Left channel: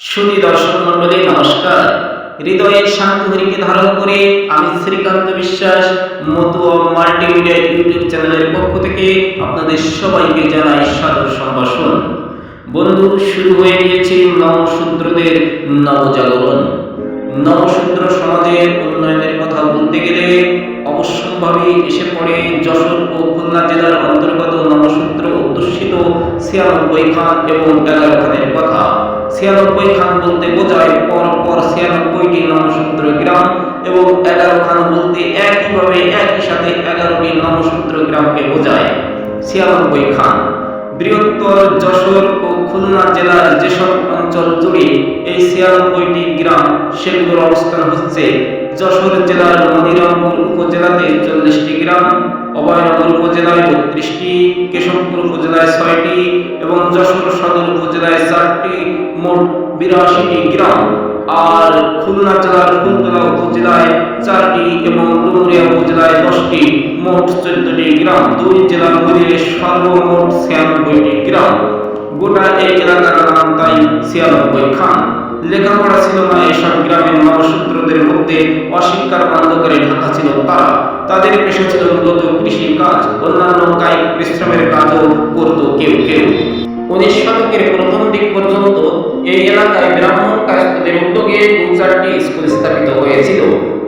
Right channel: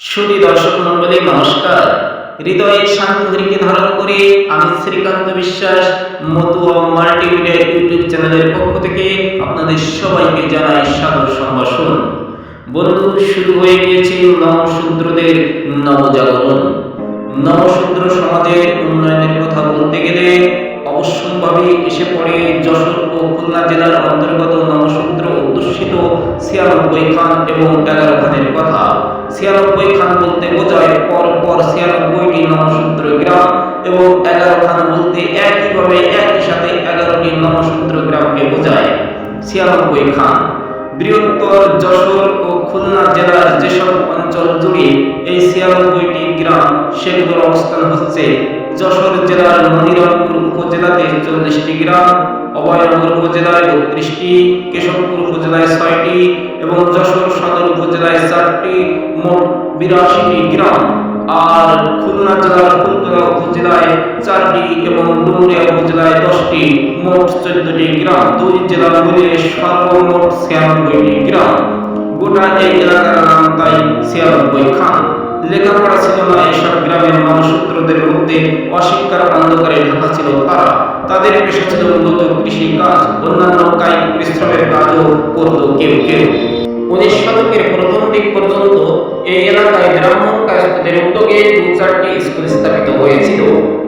সুদী দর্শক মণ্ডলী, নমস্কার। হৃদয়ে শান্তিহরিকে ধারণ করে আমি শ্রীকান্ত বিশ্বাস, মতুয়া মাল্টিমিডিয়া ইউটিউব চ্যানেলের পক্ষ থেকে আপনাদের সবাইকে জানাই সাদর সম্ভাষণ। বন্ধু, শুরু হয়ে গিয়েছে নমশূদ্রদের নবজাগরণ। নমশূদ্র সমাজের উন্নয়নের কথা বলতে গেলে অবশ্যম্ভাবী এসে পড়ে যশোর ও খুলনা জেলার অন্তর্গত নমশূদ্র অধ্যুষিত ছিয়ানব্বই খান এবং এগারো খানের কথা। ছিয়ানব্বই খান বলতে বোঝায়, পরপর পর ছিয়ানব্বইটি নমসূত্র গ্রাম এবং এগারো খান বলতে একইভাবে একই সাথে এগারোটি নমসূত্র গ্রামকে বোঝায়। ছিয়ানব্বই খান। বৃহত্তর যশোর ও খুলনা জেলার যেসব অঞ্চল জুড়ে এই ছিয়ানব্বইটি গ্রাম সেগুলোর অবস্থান হচ্ছে যশোর জেলার মনিরামপুর উপজেলাতে চল্লিশটি গ্রাম, অভয়নগর উপজেলায় বত্রিশটি, কেশবপুর উপজেলায় ছয়টি এবং যশোর সদর উপজেলায় চারটি, মোট বিরাশিটি গ্রাম। আর খুলনা জেলার ফুলতলা উপজেলায় চারটি এবং ডুমুরিয়া উপজেলায় দশটি, মোট চোদ্দটি গ্রাম। দুই জেলা মিলিয়ে সর্বমোট ছিয়ানব্বইটি গ্রাম। গোটা এই এলাকার নাম তাই ছিয়ানব্বই খান। লেখাপড়া ছিল না, এসব গ্রামের নবসূত্রদের মধ্যে অশিক্ষার অন্ধকারে ঢাকা ছিল তারা। তাদের পেশা ছিল মূলত কৃষি কাজ অন্যান্য কায়িক পরিশ্রমের কাজও করত কেউ কেউ। উনিশ শতকের প্রথম দিক পর্যন্ত এই এলাকায় ব্রাহ্মণ কায়স্থদের উদ্যোগে দু চারটি স্কুল স্থাপিত হয়েছিল।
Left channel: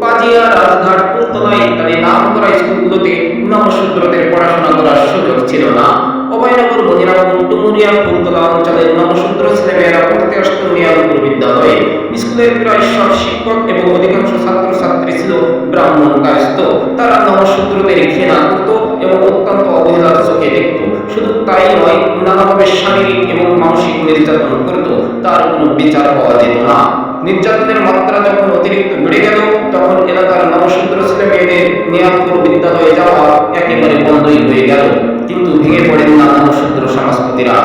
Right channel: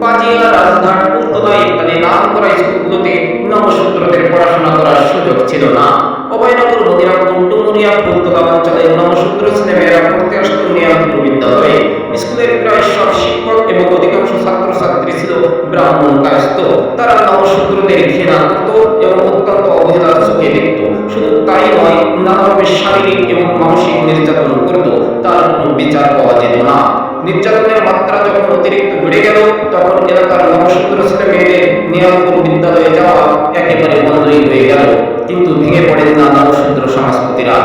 পাজিয়া রাজঘাট পুলতলা ইত্যাদি নাম করা স্কুলগুলোতে নবশূদ্রদের পড়াশোনা করার সুযোগ ছিল না। অভয়নগর, মনিরামপুর, ডুমুরিয়া ফুলতলা অঞ্চলের নবশূদ্র ছেলেমেয়েরা পড়তে আসত নিয়ামপুর বিদ্যালয়ে স্কুলের প্রায় সব শিক্ষক এবং অধিকাংশ ছাত্রছাত্রী ছিল ব্রাহ্মণ কায়স্থ। তারা নবশূদ্রদের ঘৃণা করত এবং অত্যন্ত অবহেলার চোখে দেখত। শুধু তাই নয়, নানাভাবে শারীরিক এবং মানসিক নির্যাতন করত। তার কোনো বিচার পাওয়া যেত না। নির্যাতনের মাত্রা যখন অতিরিক্ত বেড়ে গেল, তখন এলাকার নবশূদ্র ছেলে মেয়েদের নিয়ামপুর বিদ্যালয়ে যাওয়া একেবারে বন্ধই হয়ে গেল। কিন্তু ভেঙে পড়েন না নবশূদ্র সমাজপতিরা।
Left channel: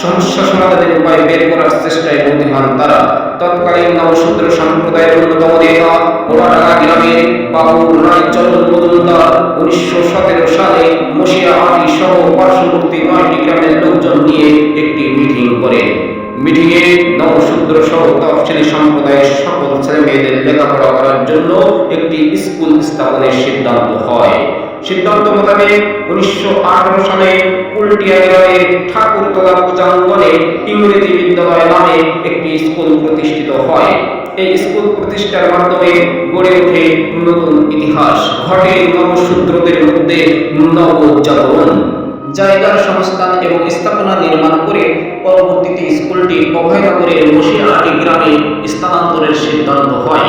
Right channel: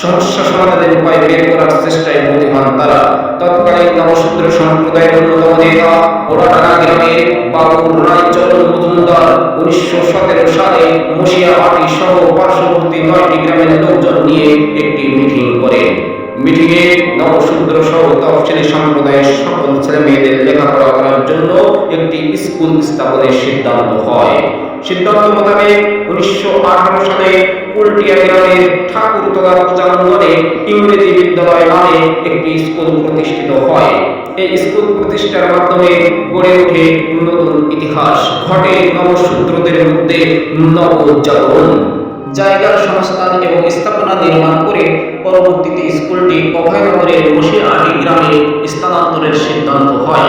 সমস্যা সমাধানের উপায় বের করার চেষ্টায় ব্রতী হন তারা। তৎকালীন নবশূদ্র সম্প্রদায়ের অন্যতম নেতা ওড়াডাঙ্গা গ্রামের বাবুর রায়চরণ মজুমদার উনিশশো সতেরো সালে মশিয়াহাটি সহ পার্শ্ববর্তী নয়টি গ্রামের লোকজন নিয়ে একটি মিটিং করেন। মিটিংয়ে নবশূদ্র সহ তফসিলি সম্প্রদায়ের সকল ছেলে মেয়েদের লেখাপড়া করার জন্য একটি স্কুল স্থাপনের সিদ্ধান্ত হয়। সিদ্ধান্ত মোতাবেক উনিশশো আঠারো সালে কুলটিয়া গ্রামের ঠাকুরতলা পূজাঙ্গনে ইংরেজি বিদ্যালয় নামে একটি স্কুল প্রতিষ্ঠিত হয়। এই স্কুল প্রতিষ্ঠার মাধ্যমে গড়ে ওঠে নতুন ইতিহাস। ঘটে নবশূদ্রদের মধ্যে নবজাগরণ। জায়গার সংস্থান এবং স্থাপনা নির্মাণ করে পরবর্তীতে স্কুলটি অভয়নগরের মশিয়াহাটি গ্রামে স্থানান্তরের সিদ্ধান্ত হয়।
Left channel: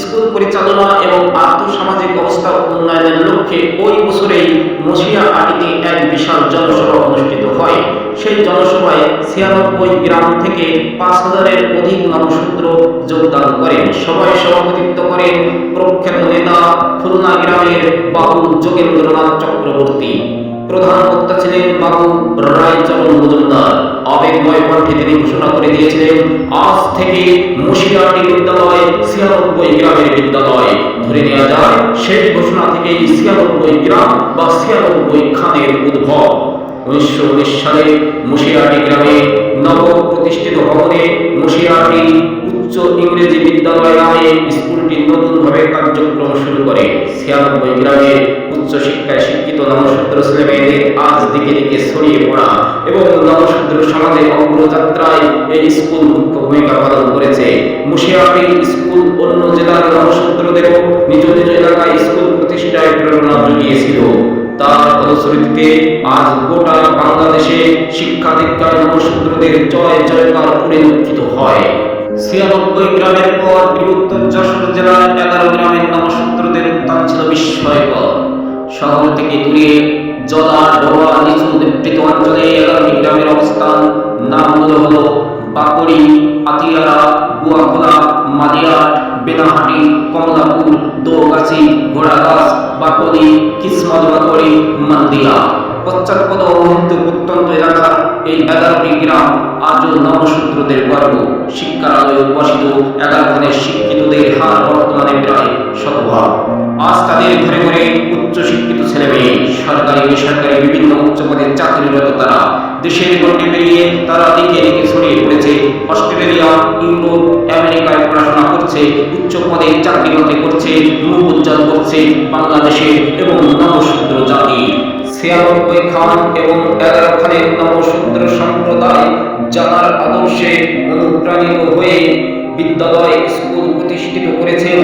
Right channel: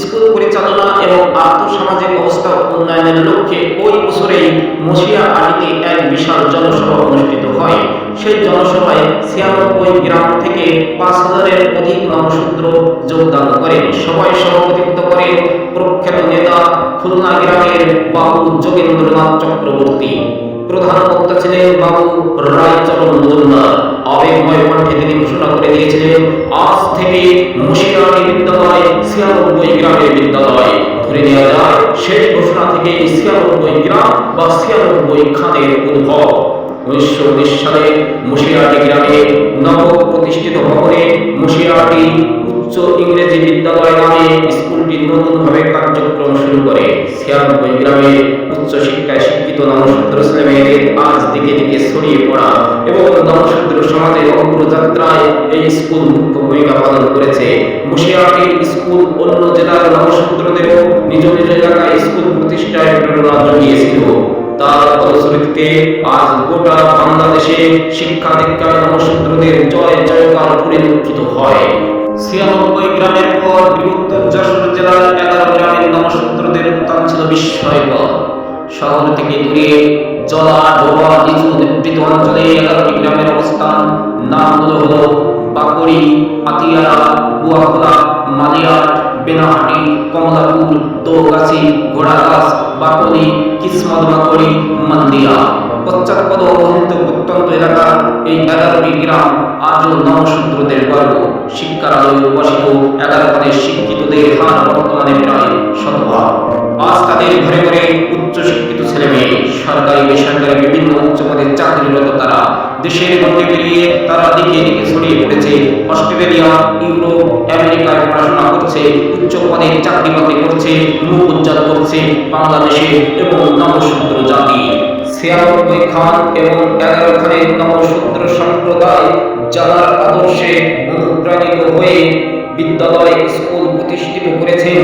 স্কুল পরিচালনা এবং আর্থসামাজিক অবস্থা উন্নয়নের লক্ষ্যে ওই বছরেই মশিয়া আটিতে এক বিশাল জনসভা অনুষ্ঠিত হয়। সেই জনসভায় ছিয়ানব্বই গ্রাম থেকে পাঁচ হাজারের অধিক নবশূদ্র যোগদান করেন। সভায় সভাপতিত্ব করেন প্রখ্যাত নেতা খুলনা গ্রামের বাবু যোগেন্দ্রনাথ চক্রবর্তী। প্রধান বক্তা ছিলেন বাবু রায়চরণ মজুমদার। আবেগময় কণ্ঠে তিনি ঘোষণা করে দিয়েছিলেন, আজ থেকে মুশিয়াটি বিদ্যালয়, ছিয়ানব্বই গ্রামের বিদ্যালয়। ধরে নেওয়া যায় সেই ঘোষণা থেকে ছিয়ানব্বই গ্রাম বা ছিয়ানব্বই খানের উদ্ভব। উনিশশো উনিশ সালে মুশিয়াটি গ্রামে নব প্রতিষ্ঠিত ভবনে মুশিয়াটি উচ্চ ইংরেজি বিদ্যালয় নামে স্কুলটি নতুনভাবে কার্যক্রম শুরু করে। ছিয়ানব্বই গ্রামের উচ্চ শিক্ষায় শিক্ষিত নমশূদ্র ছেলে মেয়েদের আজ দিকে দিকে ছড়িয়ে পড়া এবং নমশূদ্র সমাজের অগ্রযাত্রায় এই স্কুল মুখ্য ভূমিকা পালন করেছে। মুশিয়াটি স্কুল অন্য জেলার নমশূদ্রদেরও নিজ নিজ এলাকায় স্কুল প্রতিষ্ঠায় প্রেরণা জুগিয়েছিল। তার ফলশ্রুতিতে আজ গোটা বাংলাদেশে শিক্ষা দীক্ষায় নবশূদ্রদের জয় জয়কার পরিলক্ষিত হয়। ছিয়ানব্বই গ্রামের পর বৃহত্তর যশোর জেলার এগারো গ্রামের নবশূদ্রদের উত্থান ছিল বিস্ময়কর। শহর থেকে দূরে জলা, ডোবা, নিচু নিবৃত অঞ্চলে এগারোটি গ্রামের অবস্থান। নামগুলো হলো বাকড়ি আতিয়ারা গুয়াখোলা মালিয়াট বেনাহাটি, কমলাপুর, দোগাছি, ঘোড়াগাছ বাকলি কিসমত বাকড়ি মান্দিয়া। পশ্চাৎপদ অবহেলিত প্রত্যন্ত এলাকা এই এগারোটি গ্রাম আজও নবশূদ্রদের গর্ব। শিক্ষার আলোয় এগারো খানের শিক্ষিতদের হার বর্তমানে প্রায় শতভাগ। আজ তাদের ঘরে ঘরে উচ্চশিক্ষিত ছেলে মেয়ে সরকারি, বেসরকারি বিভিন্ন উচ্চ পদে চাকরিরত তারা দেশের গণ্ডে পেরিয়ে তারা দিকে দিকে ছড়িয়ে পড়েছে। অস্ট্রেলিয়া, ইউরোপ, আমেরিকায় পড়াশোনা করছে, উচ্চ পদে চাকরি বাকরি করছে, মুখ উজ্জ্বল করছে বাংলাদেশে এবং নবশূদ্র জাতি। ছিয়ানব্বই খান এবং এগারো খানের নবশূদ্র সম্প্রদায় জানার আদর্শে অনুপ্রাণিত হয়ে বিদ্যালয় স্কুল প্রতিষ্ঠিত করেছেন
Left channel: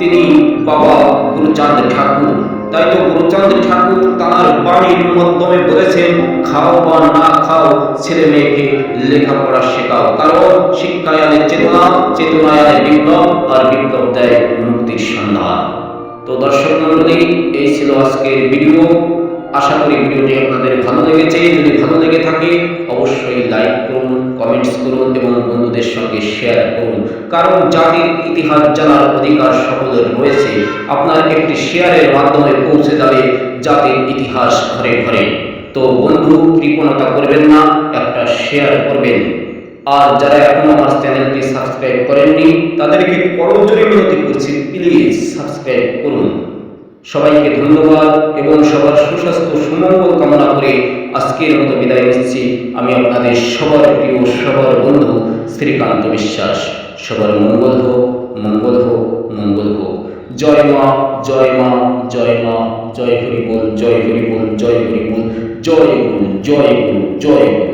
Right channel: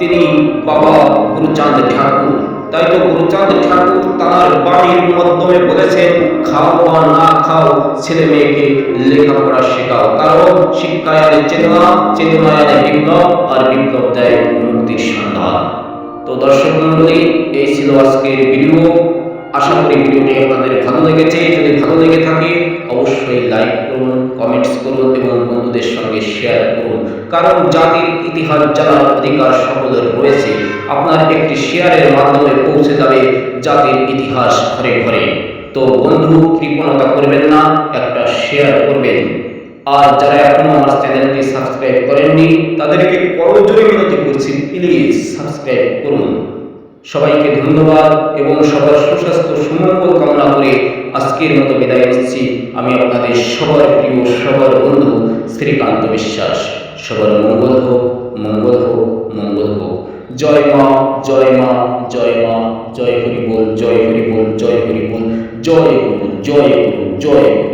তিনি বাবা গুরুচাঁদ ঠাকুর। তাই তো গুরুচাঁদ ঠাকুর তাঁর বাণীর মাধ্যমে বলেছেন, খাও বা না খাও, ছেলে মেয়েকে লেখাপড়া শেখাও। কারণ শিক্ষায় আনে চেতনা চেতনায় আনে বিপ্লব, আর বিপ্লব দেয় মুক্তির সন্ধান। তো দর্শক মণ্ডলী, এই ছিল আজকের ভিডিও। আশা করি ভিডিওটি আপনাদের ভালো লেগেছে। যদি ভালো লেগে থাকে, অবশ্যই লাইক করুন, কমেন্টস করুন এবং বন্ধুদের সঙ্গে শেয়ার করুন। কারণ জাতির ইতিহাস জানার অধিকার সকলের রয়েছে। আপনার একটি শেয়ারের মাধ্যমে পৌঁছে যাবে জাতির ইতিহাস ঘরে ঘরে। তো বন্ধু, কৃপণতা করবেন না, একটা শেয়ার করবেন। আর যারা এখনও আমার চ্যানেলটি সাবস্ক্রাইব করেননি, তাদেরকে করজোরে মিনতি করছি, প্লিজ সাবস্ক্রাইব করুন। সবাইকে ধন্যবাদ এবং সবার সুস্বাস্থ্য সুমঙ্গল কামনা করে আজকের মতো বিদায় নিচ্ছি। আমি আপনাদের সবার প্রিয়, সবার বন্ধু শ্রীকান্ত বিশ্বাস। সবার মঙ্গল হোক মঙ্গল হোক মঙ্গল হোক। জয় মা জয় মা জয় মা, জয় হরি বল, জয় হরি বল, জয় হরি বল, জয় গুরু জয় গুরু জয় গুরু।